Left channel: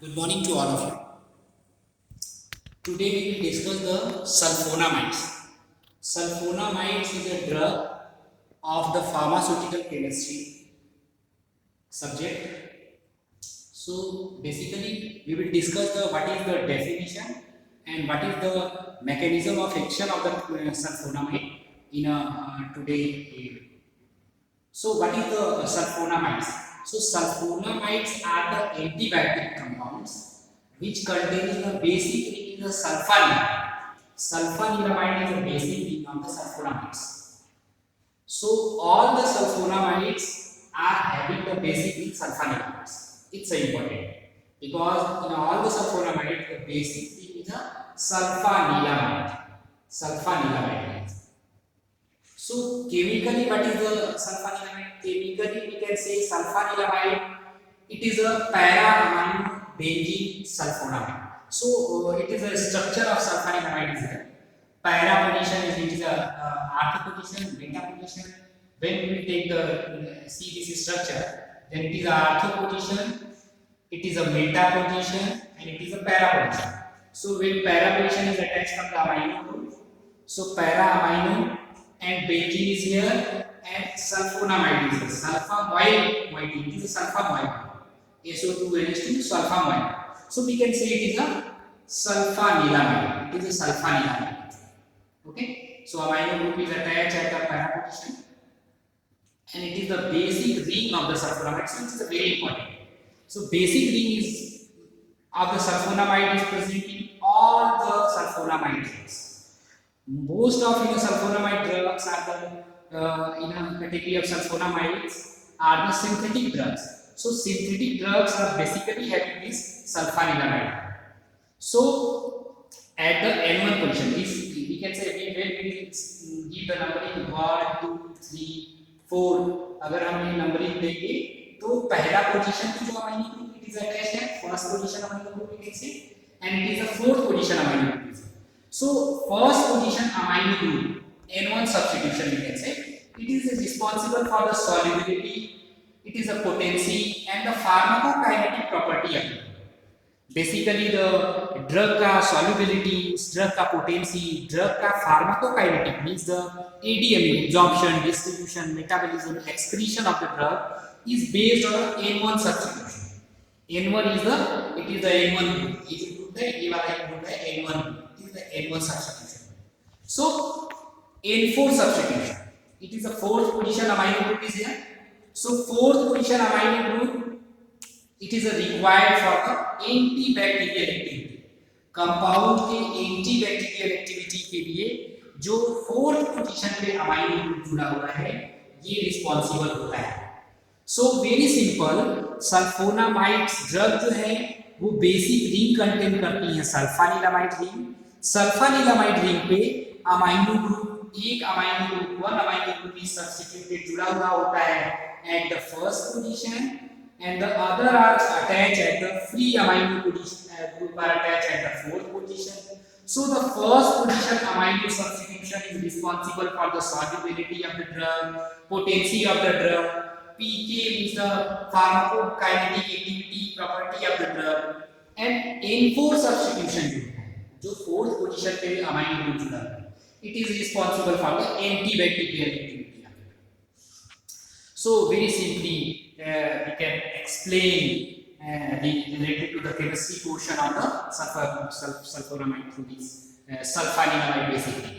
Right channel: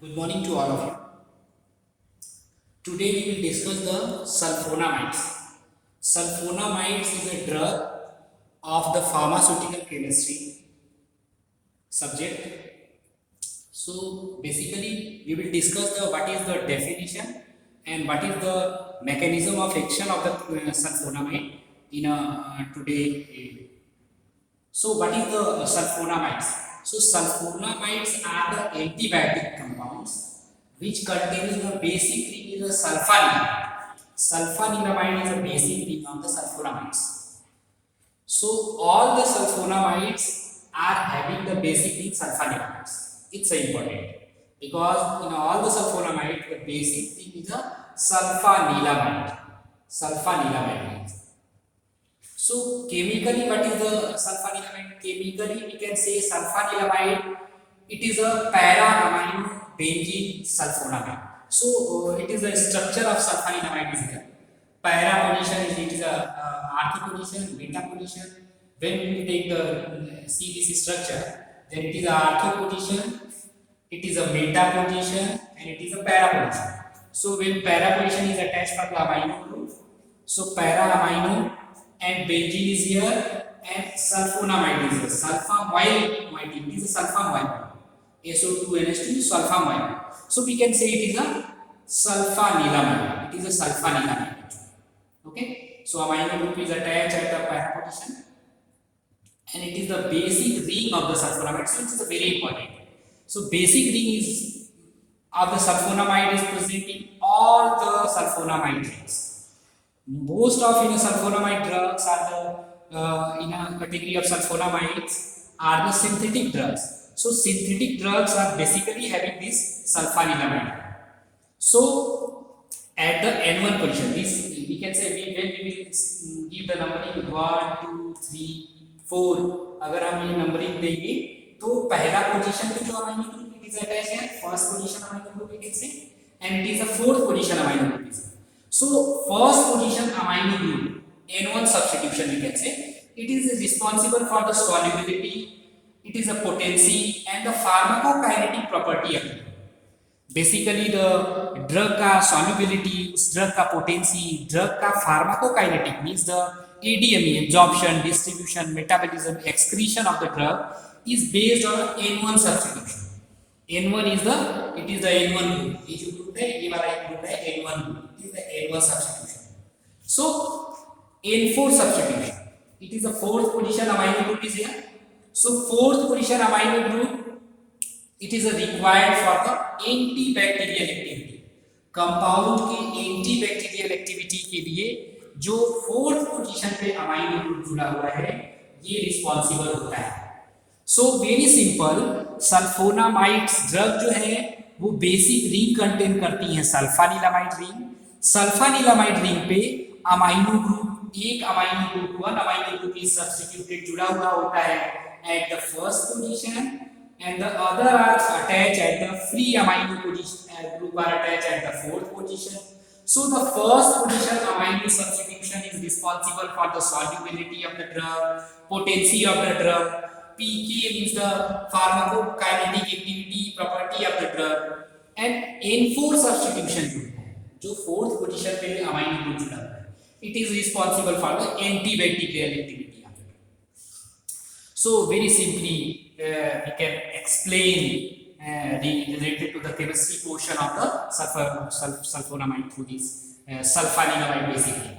Good morning to all of you. Today we will discuss the sulfonamides. Sulfonamides is a drug of the pharmaceutical chemistry subject. So basically we will discuss the what is the definition and what is the mechanism of action of the sulfonamide in today. So what is the sulfonamides? So sulfonamides are the antibiotic compounds which contains the basic ring is the sulfanilamide. Sulfanilamide is a basic ring of the sulfonamides. So all the sulfonamides are having the basic ring sulfanilamides. It's important because in all the sulfonamides the basic thing is a sulfanilamide. Sulfanilamide. So chemically, what is the sulfanilamide? Chemically, we can say sulfanilamide. It is a para-amino benzene sulfonamide. So it is a structure of sulfanilamide is there. Para position is it is a artho position, beta position. When we take the see this structure, then it is a artho position, it is a meta position, and it is a para position. So when para position is attached for the amino group, so para amino and benzene is here and sulfonamide is here. Sulfamoyl moiety, it is a sulfamoyl. SO2 NH2 sulfamoyl. So we can say it is a sulfanilamide. It is a sulfanilamide. Okay. So amino group is attached at the para position, and it is the basic ring of the sulfonamide. So it is a very important. So basic ring is of the sulfonamide is present in all the sulfonamide rings. Most of sulfonamide drugs are the in a category of sulfonamides are the synthetic drugs. So synthetic drugs are basically having this sulfanilamide. So at the N1 position, this we can say when we will give the numbering 1, 2, 3, 4. अगर हम ये नंबरिंग देंगे तो पहला position पे जो amino group it is attach है, first position amino group it is and it is the fourth position amino group is. So first position amino group N1 substitution we can say it is responsible for the solubility, it is a potency and the pharmacokinetic property of it. Basically the drug का solubility, drug का potency, drug का pharmacokinetic means the ADME absorption, distribution, metabolism, excretion of the drug is based on N1 substitution. N1 is the it is the N1 group. ये जो group है ये वाला group है N1 group. The N1 substitution. So N4 substitution. It is the fourth position amino group is here. So fourth position amino group it is required for the antibacterial activity. Compound के antibacterial activity के लिए जो fourth position पे amino group जुड़ा हुआ है ये responsible होता है. So very simple sulfonamides drug जो है वो बेसिक रिंग कंटेन करती हैं सल्फानिलामाइड रिंग. सल्फानिलामाइड रिंग पे अमाइनो ग्रुप एक amino group one amino group is substituted जुड़ा हुआ होता है at the first position and the other are attach at the free amino position group are attach at the fourth position. So the first position amino substitution is responsible for the solubility of the drug, potency of the drug. PK means the pharmacokinetic activity property of the drug, and N4 substitution जो fourth position पे amino group जुड़ा है it is responsible for the antibacterial activity. So very simply we can explain related to the chemistry portion of the sulfonamide through this sulfanilamide basically.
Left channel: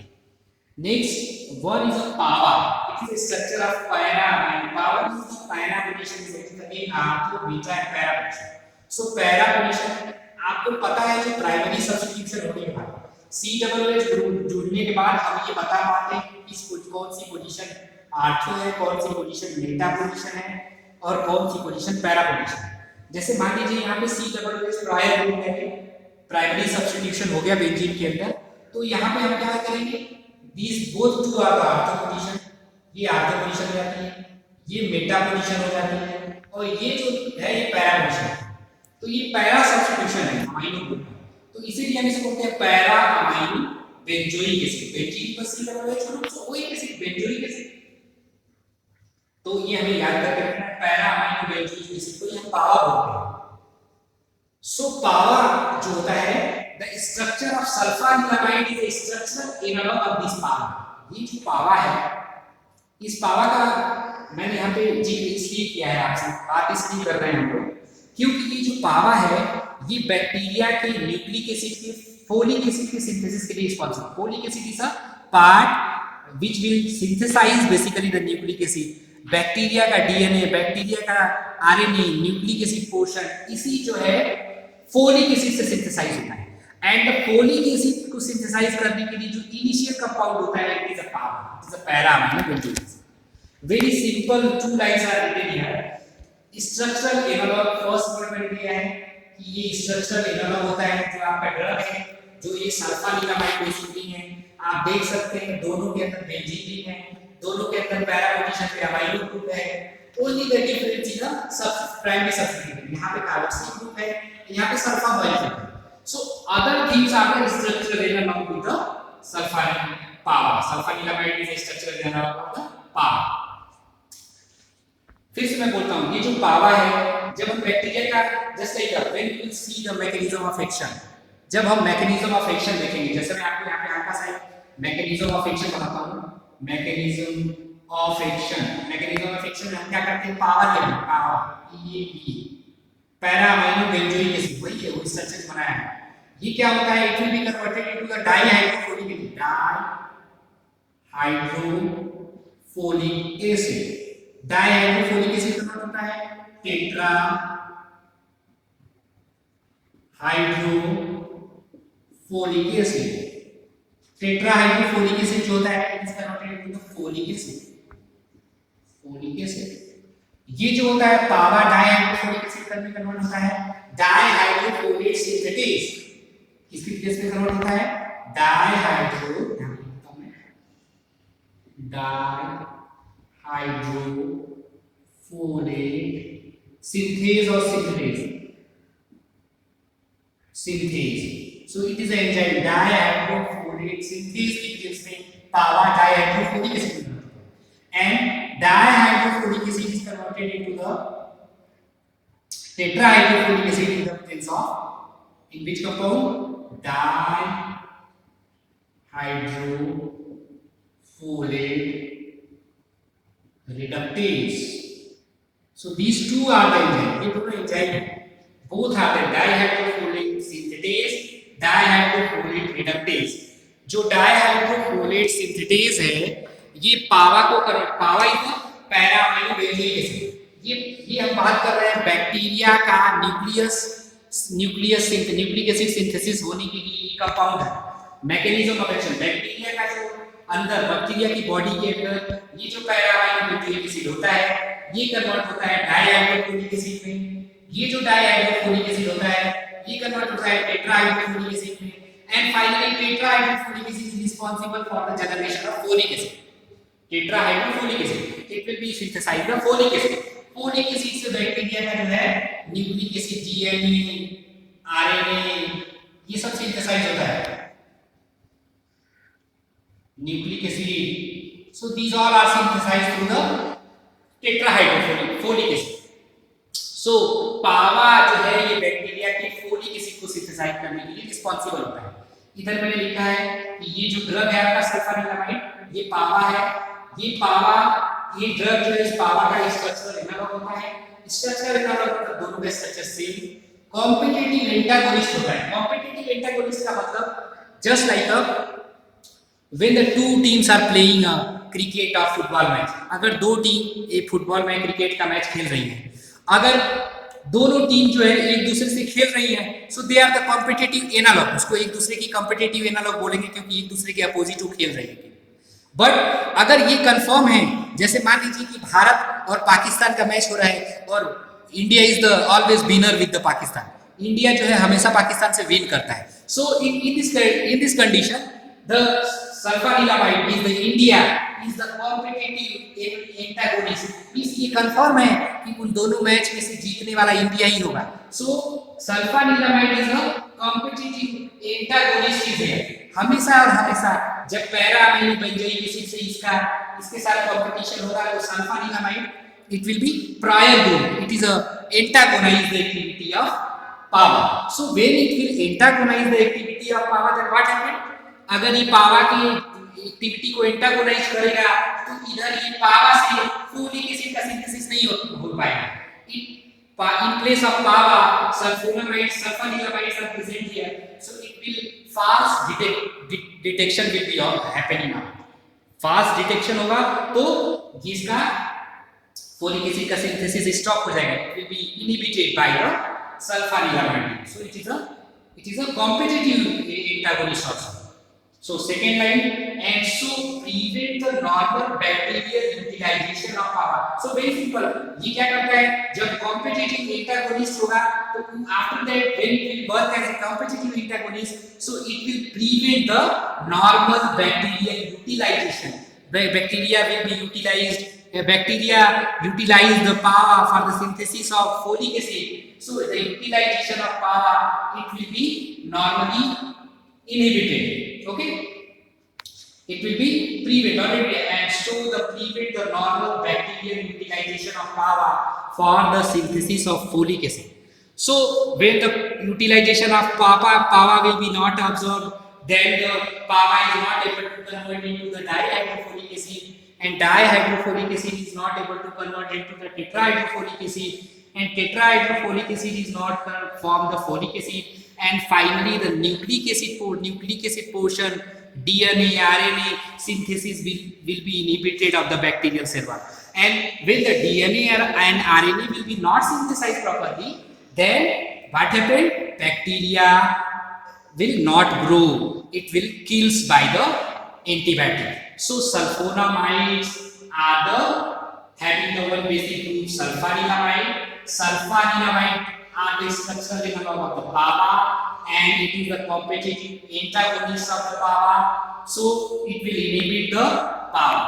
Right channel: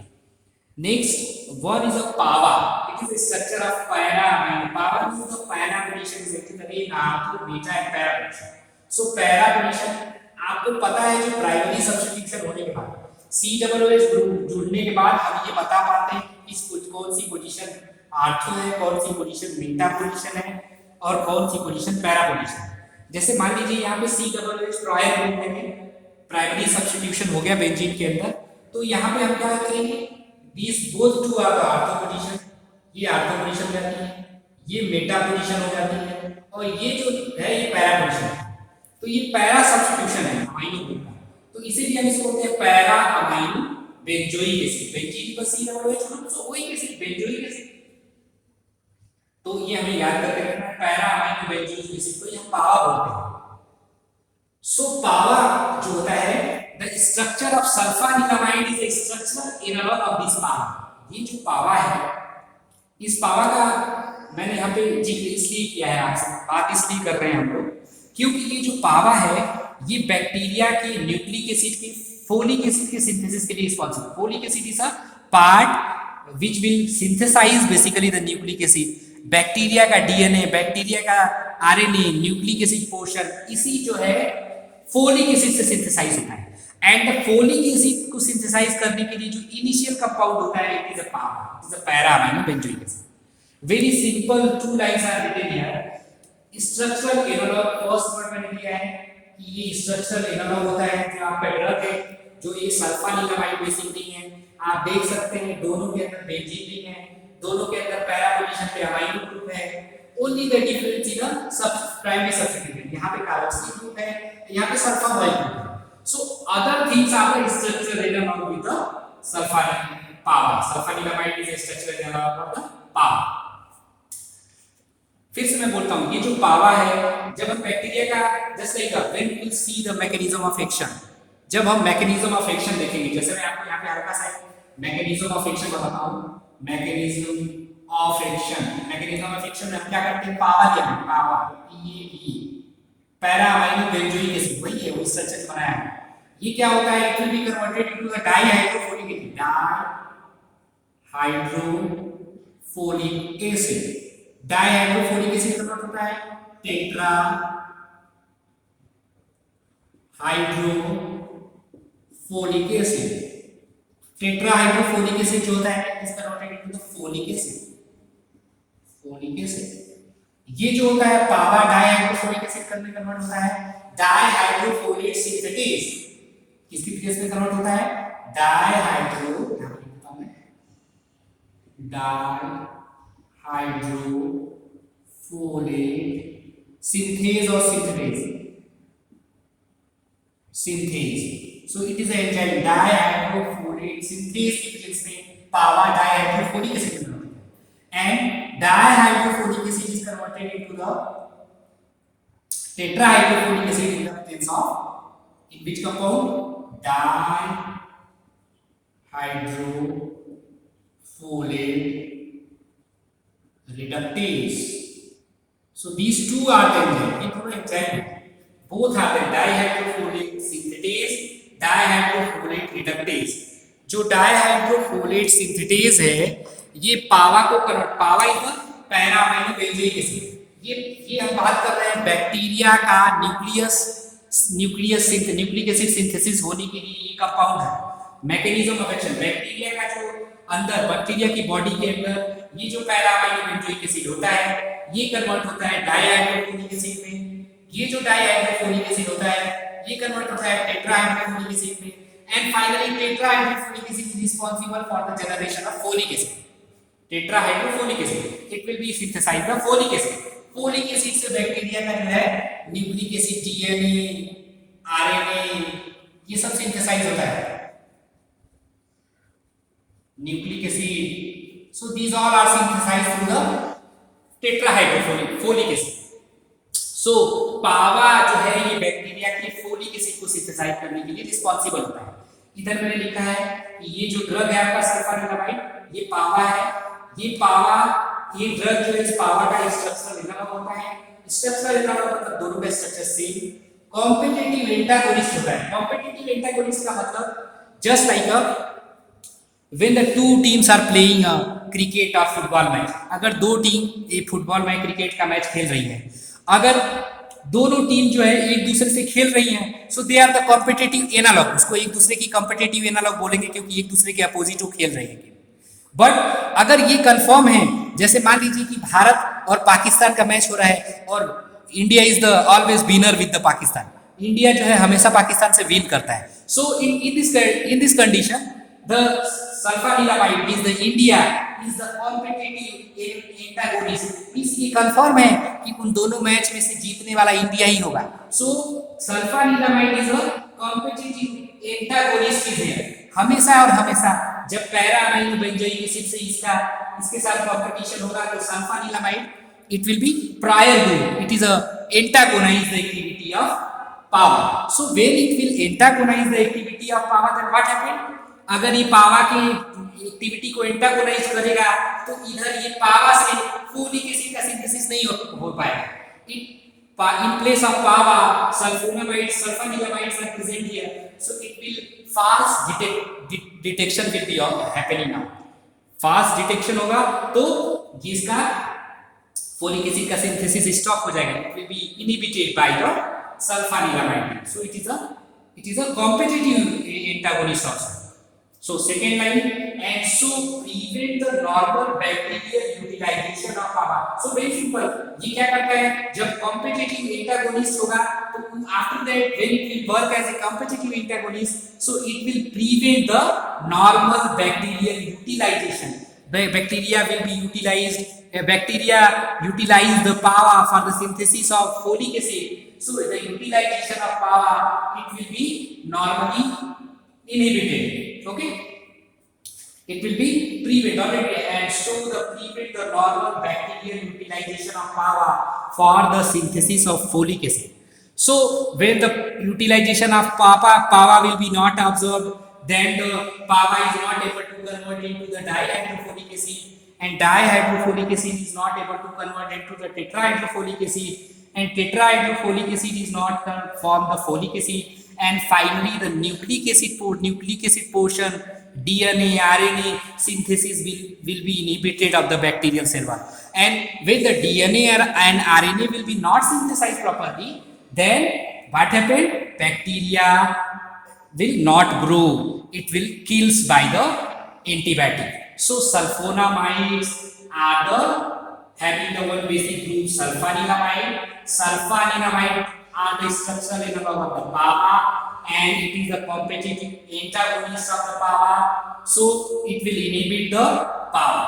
Next one is a PAVA. It is a structure of para-amino. PAVA means the para position is actually artho, beta and para position. So para position आपको पता है जो primary substitution होने के बाद COOH group जुड़ने के बाद हम ये बता पाते हैं किस कौन सी पोजीशन आर्थो है, कौन सी पोजीशन मेटा पोजीशन है और कौन सी पोजीशन पैरा पोजीशन है. जैसे मान लीजिए यहाँ पे COOH प्रायर ग्रुप है, प्राइमरी सब्स्टिट्यूशन हो गया बेंजीन के अंदर, तो यहाँ पे हम क्या करेंगे this both two are the ortho position. ये आर्थो पोजीशन हो जाती है, ये मेटा पोजीशन हो जाती है और ये जो है ये पैरा पोजीशन है. तो ये पैरा सब्स्टिट्यूशन है अमाइनो ग्रुप का, तो इसीलिए हम इसको बोलते हैं para amino benzoic acid. Benzene पर COOH ग्रुप तो ओइक एसिड बेंजोइक एसिड. तो ये हमें याद करके रखना है पैरा अमाइनो बेंजोइक एसिड को हम पावा बोलते हैं. सो पावर जो होता है, the structure of sulfanilamide is a structural analog of this PABA. ये जो पावर है, इस पावर का मैंने यहाँ पे जिक्र इसलिए किया है, आपसे बात इसलिए कर रहे हैं हम लोग क्योंकि ये जो पावर है ये बैक्टीरिया के न्यूक्लिक एसिड के फोलिक एसिड के सिंथेसिस के लिए responsible. Folic acid is a part which will synthesize basically the nucleic acid. Bacteria का डीएनए, बैक्टीरिया का आरएनए, न्यूक्लिक एसिड पोर्शन इसी जो है फोलिक एसिड से सिंथेसाइज होता है। एंड द फोलिक एसिड को सिंथेसाइज करने के लिए जो इनिशियल कंपाउंड होता है it is a PABA, it is a para amino benzoic acid. Very simple two lines are written here. Structural analog first word मैंने दिया है कि ये स्ट्रक्चरल एनालॉग होता है जो आपका ड्रग है, जो ये सल्फानिलामाइड बेस होती है। आप देख सकते हैं दोनों के अंदर बेंजीन रिंग है, दोनों के अंदर पैरा पोजीशन पे अमाइनो ग्रुप है। Only the difference is the sub primary substituent. यहां पे कार्बोक्सिल ग्रुप है, यहां पे सल्फामोइल ग्रुप है। So other things are the structural analog with the sulfanilamide is a structural analog of the PABA. फिर से मैं बोलता हूं, ये जो पावा है, जब हम बैक्टीरिया का just like when you will see the mechanism of action, जब हम मैकेनिज्म ऑफ एक्शन देखेंगे, जैसे मैं आपको यहाँ पे हल्का सा मैकेनिज्म ऑफ एक्शन बताता हूं। Mechanism of action, mechanism of action में हम क्या करते हैं, पावर देते हैं, power PAP, para amino benzoic acid, वही है, वो स्ट्रक्चर बनाया है। ये क्या होता है, it will be converted into the dihydrofolic acid, dihydrofolic acid. Dihydrofolic acid convert होता है tetrahydrofolic acid. Tetrahydrofolic acid जो होता है it is converted into the folic acid, folic acid. ये जो होता है पावा डाइहाइड्रोफोलिक एसिड में कन्वर्ट होता है डाइहाइड्रोफोलेट सिंथेटेज। किसकी केस में कन्वर्ट होता है, डाइहाइड्रोफोलेट सिंथेज और synthetase, synthase. So it is an enzyme dihydrofolate synthase की केस में पावा डाइहाइड्रोफोलिक एसिड में कन्वर्ट होता है। And dihydrofolic acid is converted into the tetrahydrofolate acid in the presence of, in which compound, dihydrofolate reductase. So these two are the enzymes, ये दोनों enzyme both are the dihydrofolate synthetase, dihydrofolate reductase। जो dihydrofolate synthetase है ये PABA को convert, PABA is para amino benzoic acid. ये हम बात कर रहे हैं बैक्टीरिया का न्यूक्लिक एसिड सिंथेसिस होने के लिए ये कंपाउंड है। मैकेनिज्म ऑफ एक्शन, बैक्टीरिया का जो अंदर, बैक्टीरिया की बॉडी के अंदर ये जो पैरा अमीनो बेंजोइक एसिड होता है ये कन्वर्ट होता है डाइहाइड्रोफोलिक एसिड में। ये जो डाइहाइड्रोफोलिक एसिड होता है ये कन्वर्ट होता है टेट्राहाइड्रोफोलिक एसिड में। And finally tetrahydrofolic acid is responsible for the generation of folic acid. Tetrahydrofolic acid it will be synthesized the folic acid. Folic acid से बैक्टीरिया का जो है न्यूक्लिक एसिड, डीएनए, आरएनए ये सब synthesize होता है, nucleic acid. So these all are synthesized through the tetrahydrofolic acid. So PABA जो है ये बैक्टीरिया के फोलिक एसिड को सिंथेसाइज करने के लिए रिस्पांसिबल होता है। इधर मैंने लिखा है कि ये जो ड्रग है आपका सल्फानिलामाइड, ये पावा है। ये पावा, ये ड्रग जो है इस पावर का स्ट्रक्चरल एनालॉग होता है। स्ट्रक्चरल एनालॉग मतलब दोनों का स्ट्रक्चर सेम। कॉम्पिटिटिव एंटागोनिस्ट होता है। कॉम्पिटिटिव एंटागोनिस्ट का मतलब just like when the two teams are playing a cricket और फुटबॉल मैच। अगर दो टीम एक फुटबॉल मैच, क्रिकेट का मैच खेल रही है, अगर दोनों टीम जो है एक दूसरे से खेल रही है, so they are the competitive analog. उसको एक दूसरे की कॉम्पिटिटिव एनालॉग बोलेंगे क्योंकि एक दूसरे के अपोजिट वो खेल रही है। बट अगर ये कंफर्म है, जैसे मान लीजिए कि भारत और पाकिस्तान का मैच हो रहा है और India is the always winner with the Pakistan, India जो है हमेशा पाकिस्तान से विन करता है। So in this condition the sulfanilamide is the India is the competitive antagonist. Means ये कंफर्म है कि उन दोनों मैच में से जीतने वाला इंडिया ही होगा। So sulfanilamide is a competitive antagonist is here. हमेशा और हमेशा जब पैरा अमीनो बेंजोइक एसिड से इसके साथ कंपटीशन होगा तो sulfanilamide it will be prior to, it is a antagonize the activity of power. So when it will antagonize the activity of power, then what happen? अगर ये पावा की एक्टिविटी को एंटागोनाइज करेगा तो इधर ये पावा से फोलिक एसिड का सिंथेसिस नहीं हो पाएगा. In place of PABA, sulfonamides, sulfanilumides are present here, so it will fast detection will be happening now. Fast detection होगा तो जिसका फोलिक एसिड का सिंथेसिस स्टॉप हो जाएगा. It will be inhibited by the sulfanilamide. So it is a competitive antagonist also. So second line, and so prevent the normal bacterial utilization of power. So very simple. ये क्या करता है, जब competitive antagonist होगा तो after that when it will work as a competitive antagonist, so it will prevent the normal bacterial utilization. The bacteria will be utilized. Bacteria utilize the power for the synthesis of folic acid. So the utilization of power, it will be normally inhibited. Okay, it will be prevented, and so the prevent the normal bacterial utilization of power for the synthesis of folic acid. So when the utilization of power will be not observed, then the power is not able to convert into the dihydrofolic acid, and dihydrofolic acid is not able to convert into the tetrahydrofolic acid, and tetrahydrofolic acid is not form the folic acid, and finally the nucleic acid portion, DNA, RNA synthesis will be inhibited of the bacterial cell wall. And when the DNA and RNA will be not synthesized properly, then what happened? Bacteria will not grow. It will kills by the antibiotic. So sulfonamides are the having the one basic group sulfanilamide. Sulfanilamide are the structural analog of the PAVA, and it is the competitive antagonist of the PAVA. So it will inhibit the PAVA.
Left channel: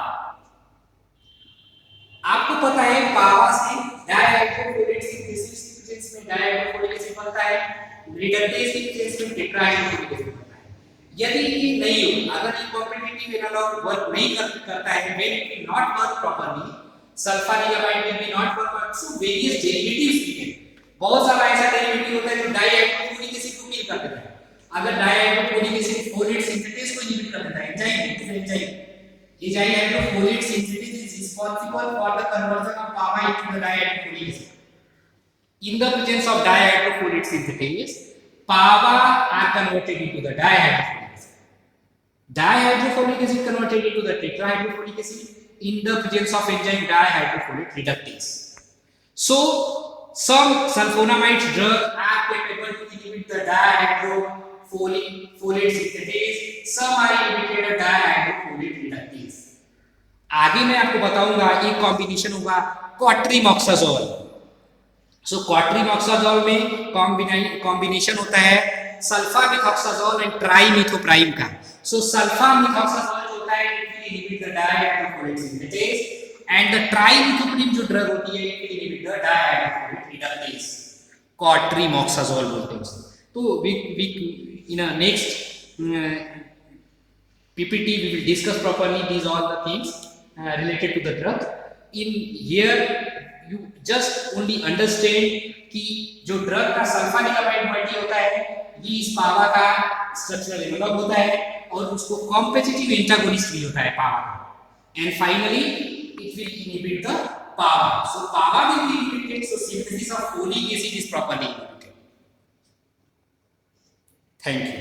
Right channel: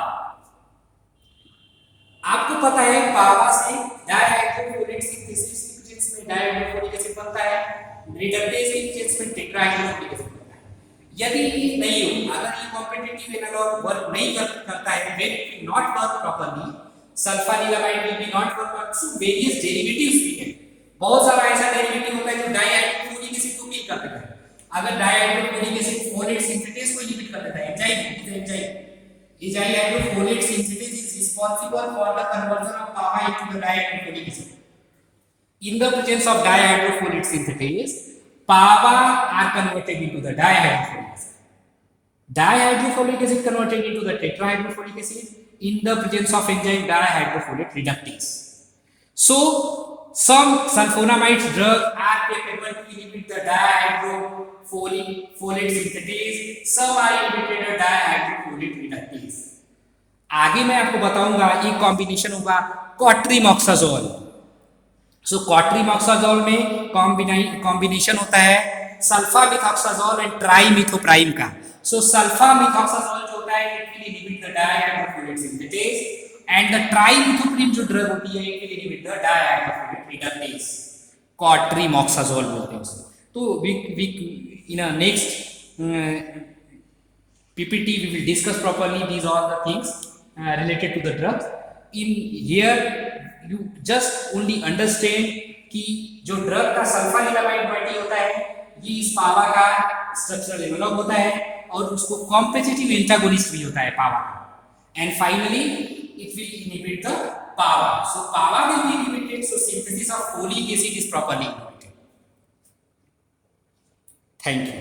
आपको पता है पावा से dihydrofolate synthesis की प्रेजेंस में डायहाइड्रोफोलिक एसिड बनता है, रिडक्टेज की प्रेजेंस में टेट्राहाइड्रोफोलिक एसिड बनता है. यदि ये नहीं हो, अगर ये कॉम्पिटिटिव एनालॉग वर्क नहीं करता है, when it will not work properly, sulfanilamide will be not work, so various derivatives we can. बहुत सारा ऐसा डेरिवेटिव होता है जो डायहाइड्रोफोलिक एसिड को किल कर देता है. अगर डायहाइड्रोफोलिक एसिड फोलेट सिंथेटेस को इनहिबिट कर देता है, enzyme dihydrofolate synthetase is responsible for the conversion of PAVA into the dihydrofolic acid. In the presence of dihydrofolate synthetase, PAVA are converted into the dihydrofolic acid. Dihydrofolic acid converted into the tetrahydrofolic acid in the presence of enzyme dihydrofolate reductase. So some sulfonamide drugs are capable to inhibit the dihydrofolate synthetase. Some are inhibited by dihydrofolate reductase. आगे मैं आपको बताऊंगा एक कॉम्बिनेशन होगा क्वाट्रीमॉक्साजोल. सो क्वाट्रीमॉक्साजोल में कॉम्बिनेशन होता है सल्फामिथॉक्साजोल एंड ट्राइमिथोप्राइम का. सो सल्फामिथॉक्साजोल जो होता है it will inhibit the dihydrofolate synthetase, and the trimethoprim जो ड्रग होती है it will inhibit the dihydrofolate reductase. Cotrimoxazole बोलते हैं उसको. तो we in a next PPT we will discuss properly these all the things related to the drug. In here you just only understand कि जो ड्रग का सल्फानिलामाइड मल्टी होता है ये इस पावा का स्ट्रक्चरल एनालॉग होता है और उसको कॉम्पिटिटिव एंटागोनिस्ट भी होता है पावा का. And finally it will inhibit the PABA. So PABA will be inhibited, so synthesis of folic acid is properly inhibited. Thank you.